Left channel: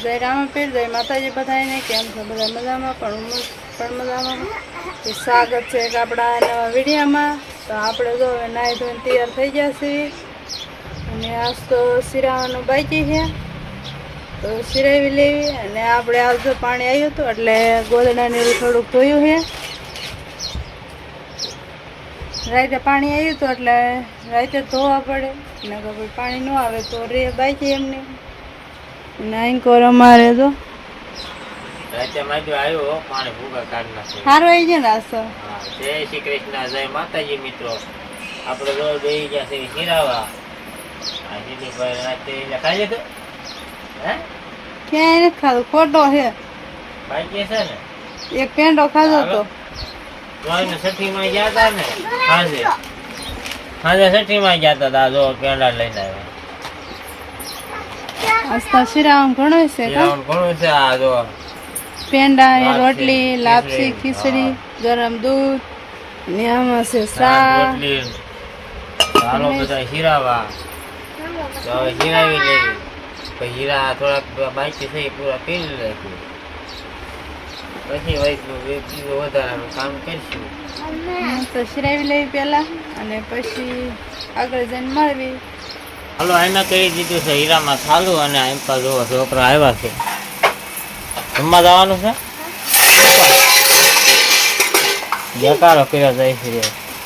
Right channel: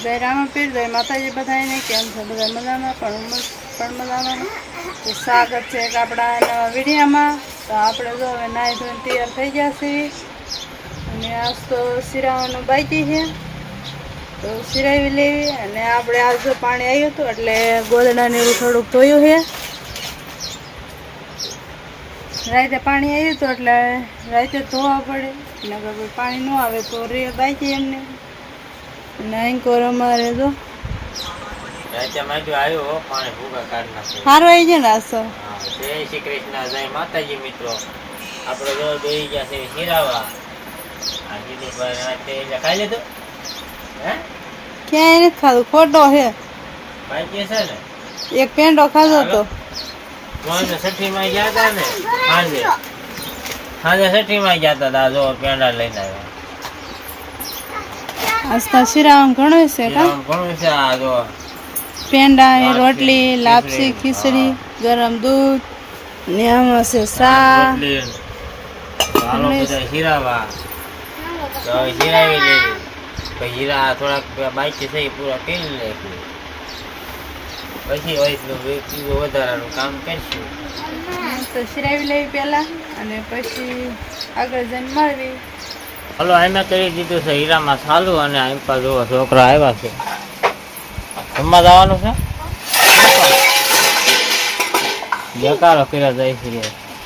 જય રામાપીર, જય માતાજી બધાને. કેમ છો બધા? મજામાં? પણ મજામાં. તો સ્વાગત છે એક આપણા નવા વિડીયોમાં. તો આપણે જો હવે નાહી ધોઈને તૈયાર થઈ ગયા છીએ અને આજ તો સિરાવાનું બાકી છે તો સિરાવી લેવી. અને આપણે આજ જો પાણી આવ્યું હતું એટલે ગોદડાને એવું થોડુંક ધોયું છે. રાતે પાણી આવ્યું હતું એટલે રાતે ધોવા પડે, નકર પાણી ન આવે તો રે બાકી એમને. નાઈકોર અમારે તો રાતે માંડ્યું આવ્યો પાણી ભૂગા કાઢી નાખે. સારો આવી છે ને આસો. જય શ્રી કૃષ્ણ, જય માતાજી. મિત્રો આપણે રોજ બેસી ગયા છે હીરાવા. આ સીધી પર રાતે ખાઈ લીધું હે? ક્યાંય નથી ખાધું, ખોટો છે. બાકી છે ને એક પેંડો ખાધો તો છઠ્ઠી માં ગયા હતા ને સાંજે છઠ્ઠી માં ગયા હતા. જો પેંડા લઈને આવ્યા. આસ્તા સિરામ ઘણો છે કા? ઘણું છે. આ જો પેંડા, રોટલી, લાપસી, ખીચડી, ગરમ દૂધ ને આમાં છે સા. ચાલો બધા હીરાવા. તો હીરાવી લેવી. પછી હીરા થોડાક બાકી થઈ પૂરા પીલી નાખી. પછી બીજું વધારાનું કામ કરશું. તો સિરાવી લેવી પહેલા અને પછી આગળ જઈને મળવી. હલો, એમાં કરી દીધું છે હીરામાં ચાલુ. અને એમ પર જોવો છોકરા આવ્યા છે. રમવા જવાનું છે. બેકારો કર્યો જાય છે.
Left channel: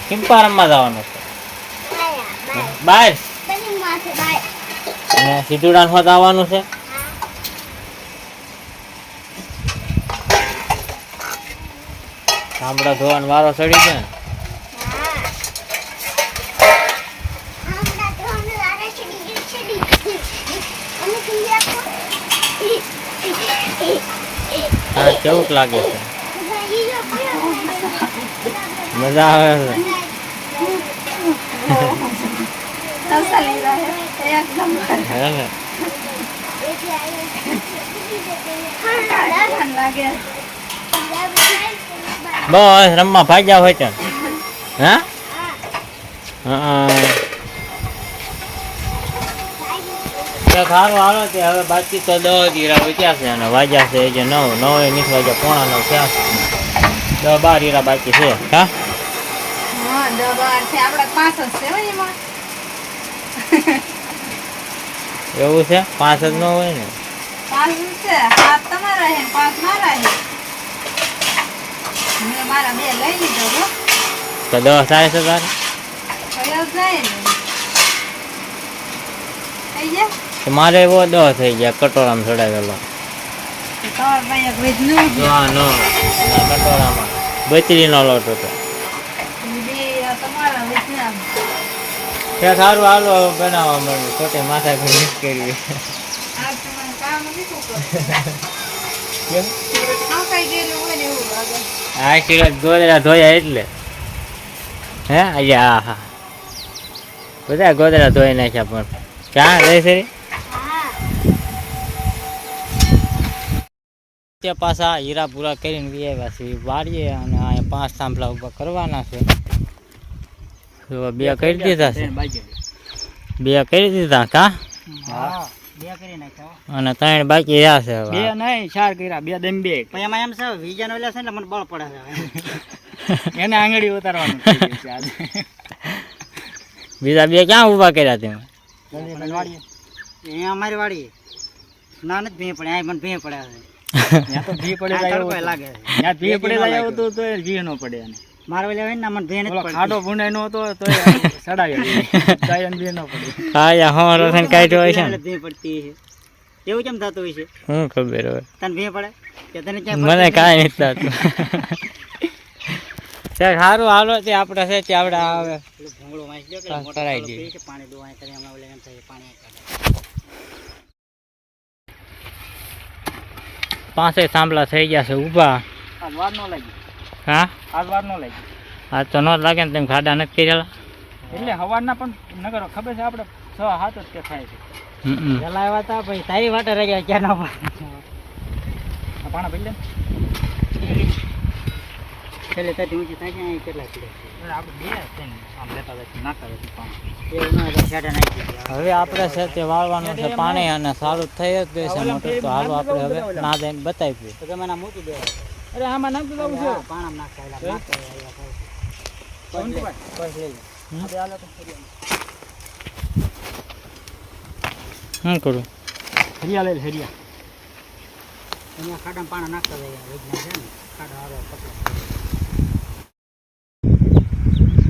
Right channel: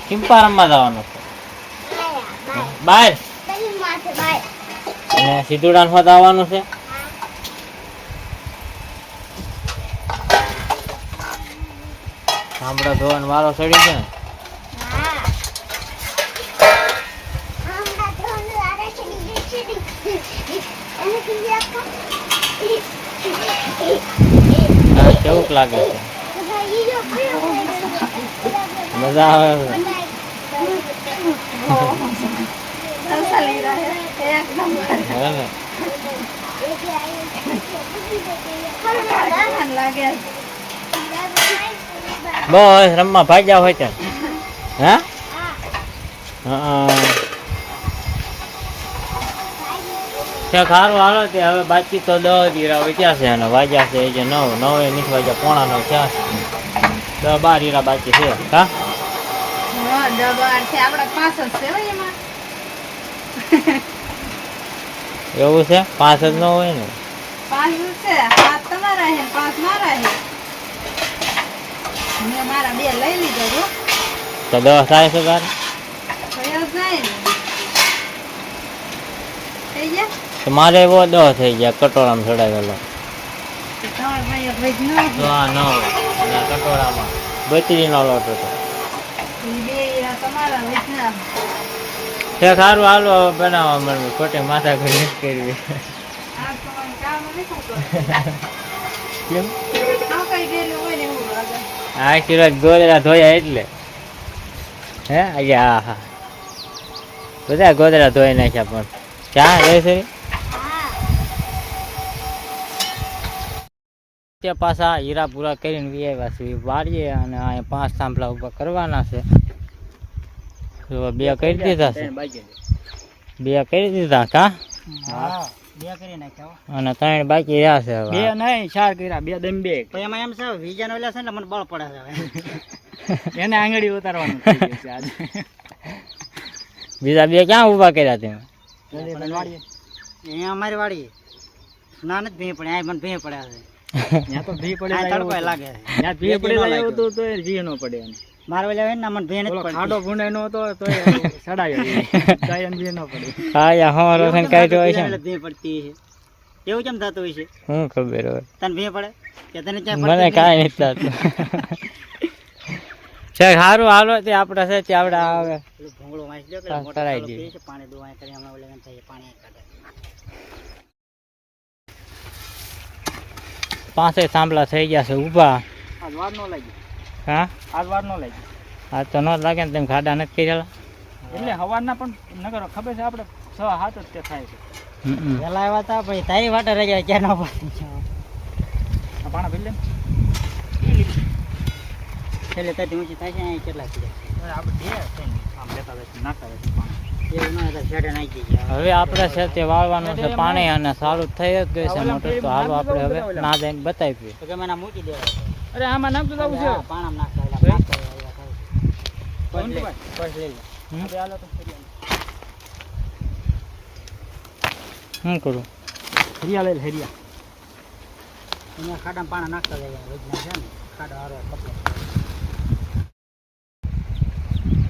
કિંપા રમવા જવાનું છે બહાર. અને સીધુડાન હોત આવવાનું છે. સાંભળા ધોવાનો વારો ચડી છે. હા, કેવું લાગે છે? મજા આવે છે. બસ રમવા ભાગ્યા હોય છે. હા સારું હાલો. તે હવે બાકી તો 10 હીરા વધ્યા છે અને વાગ્યા છે જે 9 નથી વાગ્યા, પોણા 9 થયા છે. 10-12 હીરા બાકી છે. હા એવું છે? 5 જ ન હોય ને? 5 છે, 7 તમારા છે, 5 મારા છે. મેં મારા 2 લઈ લીધો તો 10 થાય છે તારે? થઈ ગયા મારે એવો 10 થઈ ગયા. કટોરામાં ચડાવેલો. કટોરામાં બચરીનો લોટ હતો. સારું હાલો બનાવવા મળ્યું. ખોટી માથા કરી કરવી. કેમ? આ સિરજ ગોદડા ધોયા એટલે હે આજે. હા બધા ગોદડા ધોઈ નાખ્યા. પણ ક્યાં રહે છે? પાછા હીરા પૂરા કરીને આવ્યા છે વાળીએ. અને અહીંયા 5 થાંભલા ઉભા કરવાના છે. 2 કરી દીધા છે. 2 કરી દીધા કા? હા, 2 કરી નાખ્યા. અને 3 બાકી રહ્યા છે. 2 નહીં, 4 કર્યા. 2 દમ 2. પણ એમાં એમ છે વિજાનો ઓલા છે ને મને બળ પડે છે. એને આંગળી ઉતારવાનું છે આજે. બીજા 2 ક્યાં ઊભા કર્યા તમે? અહીંયા અમારી વાડી ના નથી ભી પડે. મને ભી પડ્યા છે. ત્યાં તો ભી પડે લાગે. ત્યાં ભી પડે એવું તો ભી ન પડે. મારે ઓલા હોય ને મને ભી નથી પડે. ખાડો ભૂંડાઈ નો તો સડાયો કાયમ ભી ન પડે. હા યા હા રોશન કાઢ્યો હોય છે ને ભી પડતી છે. એવું કેમ થતું હોય છે? હું ખબર હોય. તને ભી પડે કે તને ક્યાં? મને કાંઈ નથી થતું. છે સારું હાલો. તે આપણે છે તે આપણે આવે ભૂંગળો વાંચી લો કે કરાવી દઈએ. પાણી દોવાય કરી હમણાં ઓલે એમ થાય પાણી કાઢે. 5 થાંભલા થઈ ગયા છે ઊભા. આજ વાર ન લાગી. હા આજ વાર ન લાગી. આ તો ન લાગે ને. તેમ ખાડા નથી કરેલા એટલે હવારના પણ નગર ખબર છે આપણે 6-7 જ તે થાય છે. પેલા આવ્યા હતા પછી તારી વાટે રહી ગયા ક્યાં ના પાણા ભરી લે છેલ્લે તારી ઊંચી થાય છે. કેટલા કિલો આપણે 2 છે ને આમ લેતા જાય નાખતા જાય પાણા. હવે આપણે છે તે વાળવાનું છે પાણી અને સારું થઈ જ ગઈ છે મોટર. તો હાલો આપણે હવે ના દઈને બતાવીએ. અરે આમાં નાખતું જવું છે શું કરું? હરિયા લઈ હરિયા અહીંયા ખાડામાં પાણા નાખતા જાય વૈજ્ઞાન છે ને ખાડા હારો પકડે.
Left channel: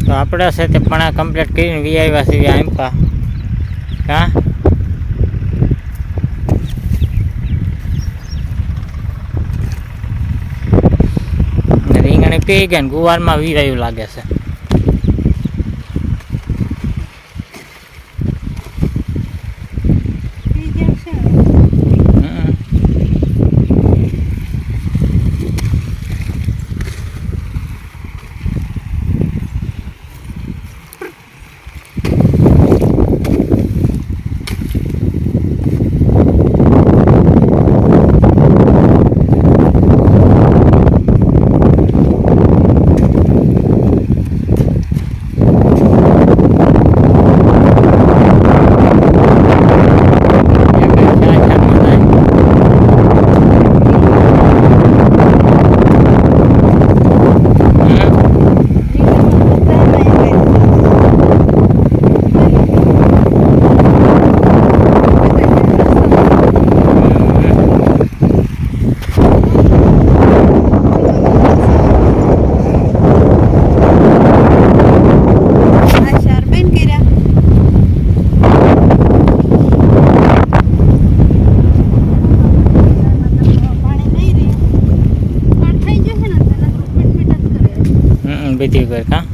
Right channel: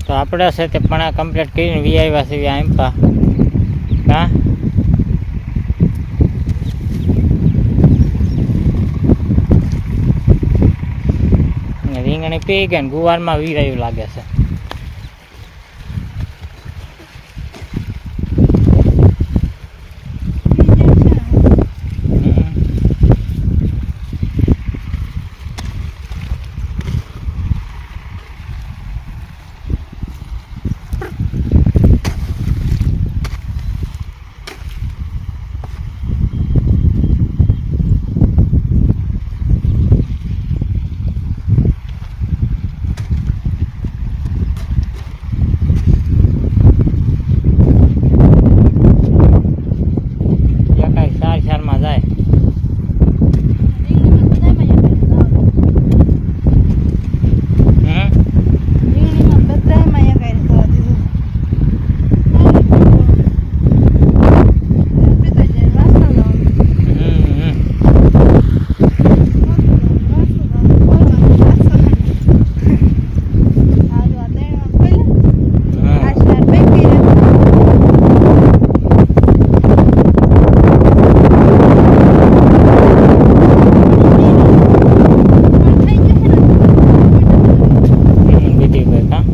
તો આપણે છે તે પણ કમ્પ્લીટ કરીને વી આવ્યા છીએ આંપા. હા રીંગણી પી ગયા ને ગુવારમાં વીરાયું લાગે છે. બીજી કોઈ કા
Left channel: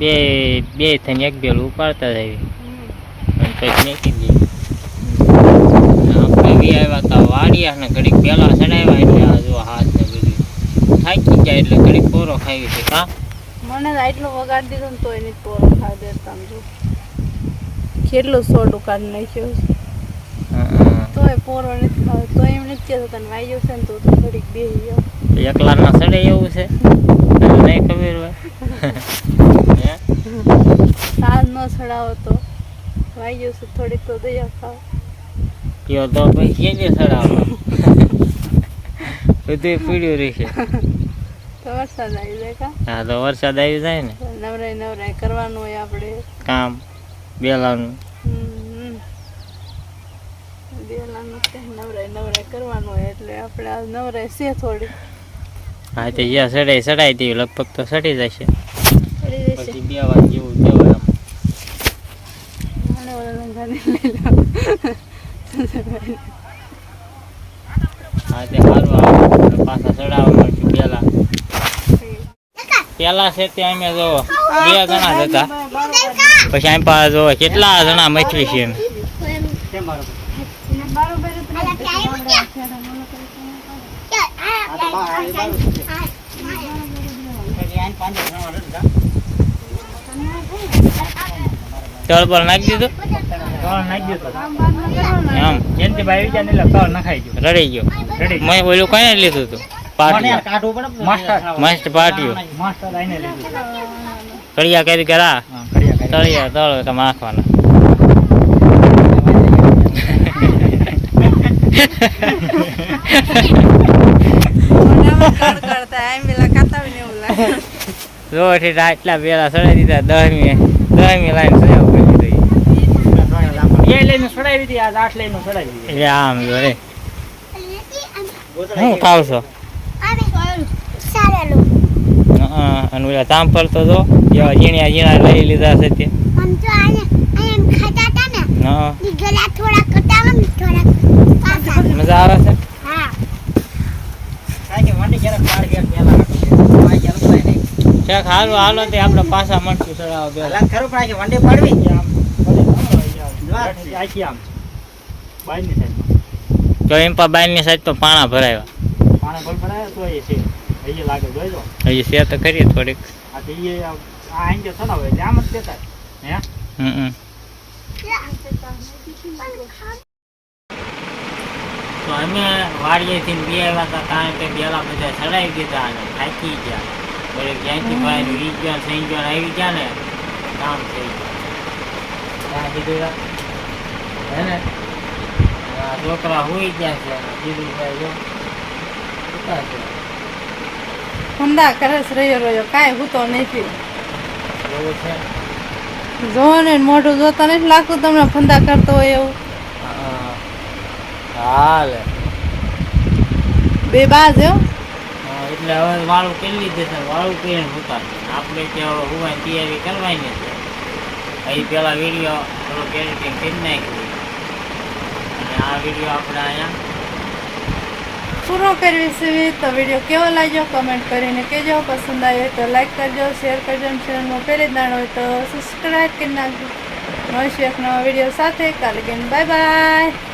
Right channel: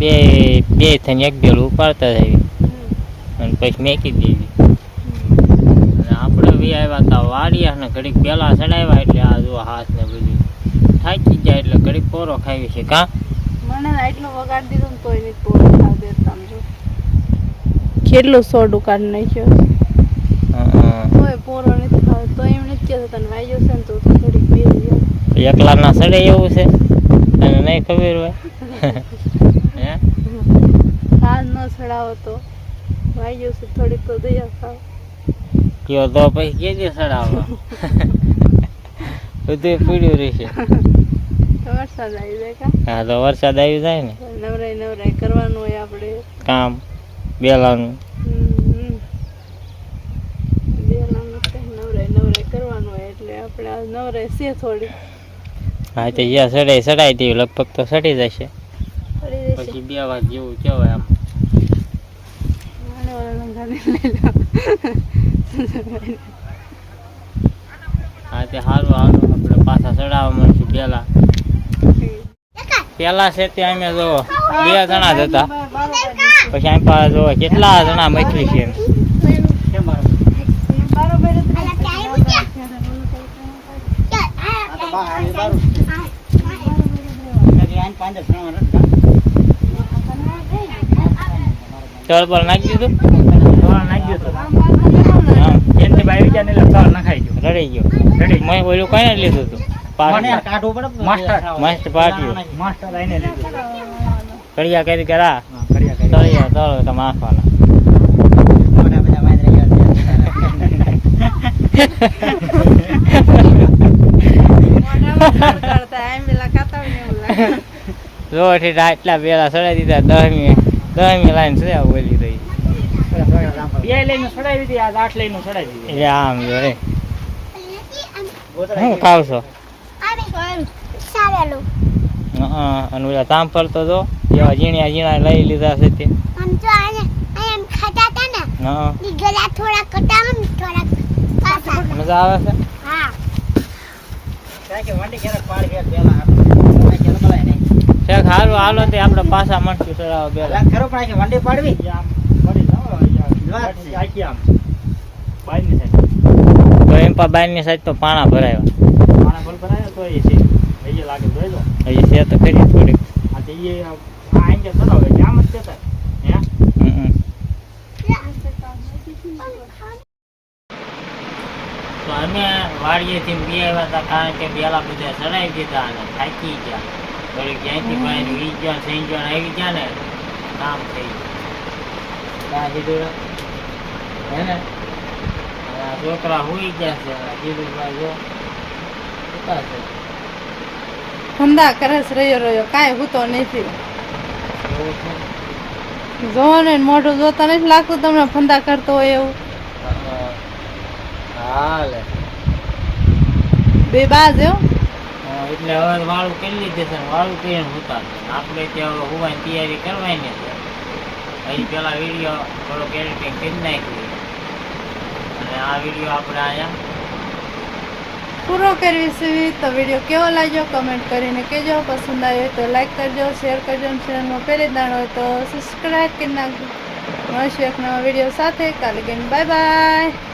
બે બે થઈને એક બેલું ઉપાડતા જાય અને પછી મેકી દઈએ. અને આપણે બી આવ્યા હતા વાડિયા ને ઘડીક પેલા ચડાવ્યા એટલે આ જો હાથ ને બધું થાકી જાય એટલે ઘડીક પોરો ખાવી છે. કાં મને તો આટલો વગાડી દીધો ને તોય નહીં પોરો ખાવા દેતા આમ જો કેટલું સોડું કાઢી નાખ્યો છે. તોય પોરો નથી ખાવા તો એમ નથી કહેતા તને વાગ્યો છે ને તો ઘડીક બેસી જાવ. એકલા ના સડે એવું છે તને નહીં ખબર હોય. હે સાજ ન ચડાવો તો વાગ્યો છે થોડીક તો દયા ખાવ. કયો તો પછી કેજે ચડાવવા બધું પીડ્યું રહેશે. તો વરસાદ આવી જાય કા. હા તો વરસાદ આવી જાય ને નવરાઈ કરવાનું હોય આપણે કામ બેલાનું. બેલાનું નવરાઈ કરવાનું હોય એટલે આપણે આ નવરાઈ છે થોડી. હા તો જ્યાં સડાઈ દેવી લગભગ તો સડી જશે પછી 2 વાગે જેવું કહેવાય આમ. મને ઓલા લંગાને લઈ લો. હા તે સારું આવે પાછા ચડાવવા મળશે. પેલા છે તે અમે જો 2 જણા જ હતા પછી અહીં પાસે જો કેટલા જણા મચવી છે. તળ નાખી દીધું આમ રડી ગયો મેં ઓલું કઈ લીધું હતું મસ્ત પાટ્યું કડિયા કરી કરા તળિયા તળ તમે આખવાના. જો આટલા પેલા સડાઈ દીધા 10મી લાઈન સડાવ કરી દીધી. એટલે આમ જો રે હું ખાવ છો અને ઓલા ચાંપલ તો જો એવા ઝીણા લઈ લીધા છે તે. મજા આવે છે. સારું હાલો તે આપણે પાછા મળશું ચડાવવા પેલા ખરો પણ વંડે પાડવી તો એમ પા બાયની સાઈડ તો પાણા ભરાયા હજી છે તો કરીએ થોડીક. તો અમે વાડીએથી બી આવ્યા હતા કારણ કે પેલા બધા ચડાવી દીધા અને થાકી ગયા. વળી ક્યાંથી બહાર વી ગયા થઈ ગયા આવી ગયા ને કામ થઈ ગયું હે ને. આ છોકરા હોઈ ગયા છે જીરુભાઈ જો ઉતા છે હુંદા કરે છે રહ્યો કાંઈ હું તો નથી એવું છે. જોવો ને મોઢું જોતા નથી લાગતું તમને ફંદા કરતો હોય એવું. હાલે બે બાજ એવો એટલે હવે વાળું કરી લીધે છે વાળું કરીને હોતા આપણે ત્યાં હોવાની તૈયારી કરવાની છે. અહીં પેલા વિડીયો થોડોક એડિટિંગ કરી નાખ્યું અને આ વિડીયો આપણે અહીંયા પૂરો કરવી છે. તો વિડીયો કેવો લાગ્યો કમેન્ટ કરીને કહેજો. પસંદ આવ્યો તો લાઈક કરજો, શેર કરજો અને ચેનલમાં પહેલી દાણ હોય તો સબસ્ક્રાઈબ કરી નાખજો. મળશું એક નવા વિડીયો સાથે. કાલે બાય બાય.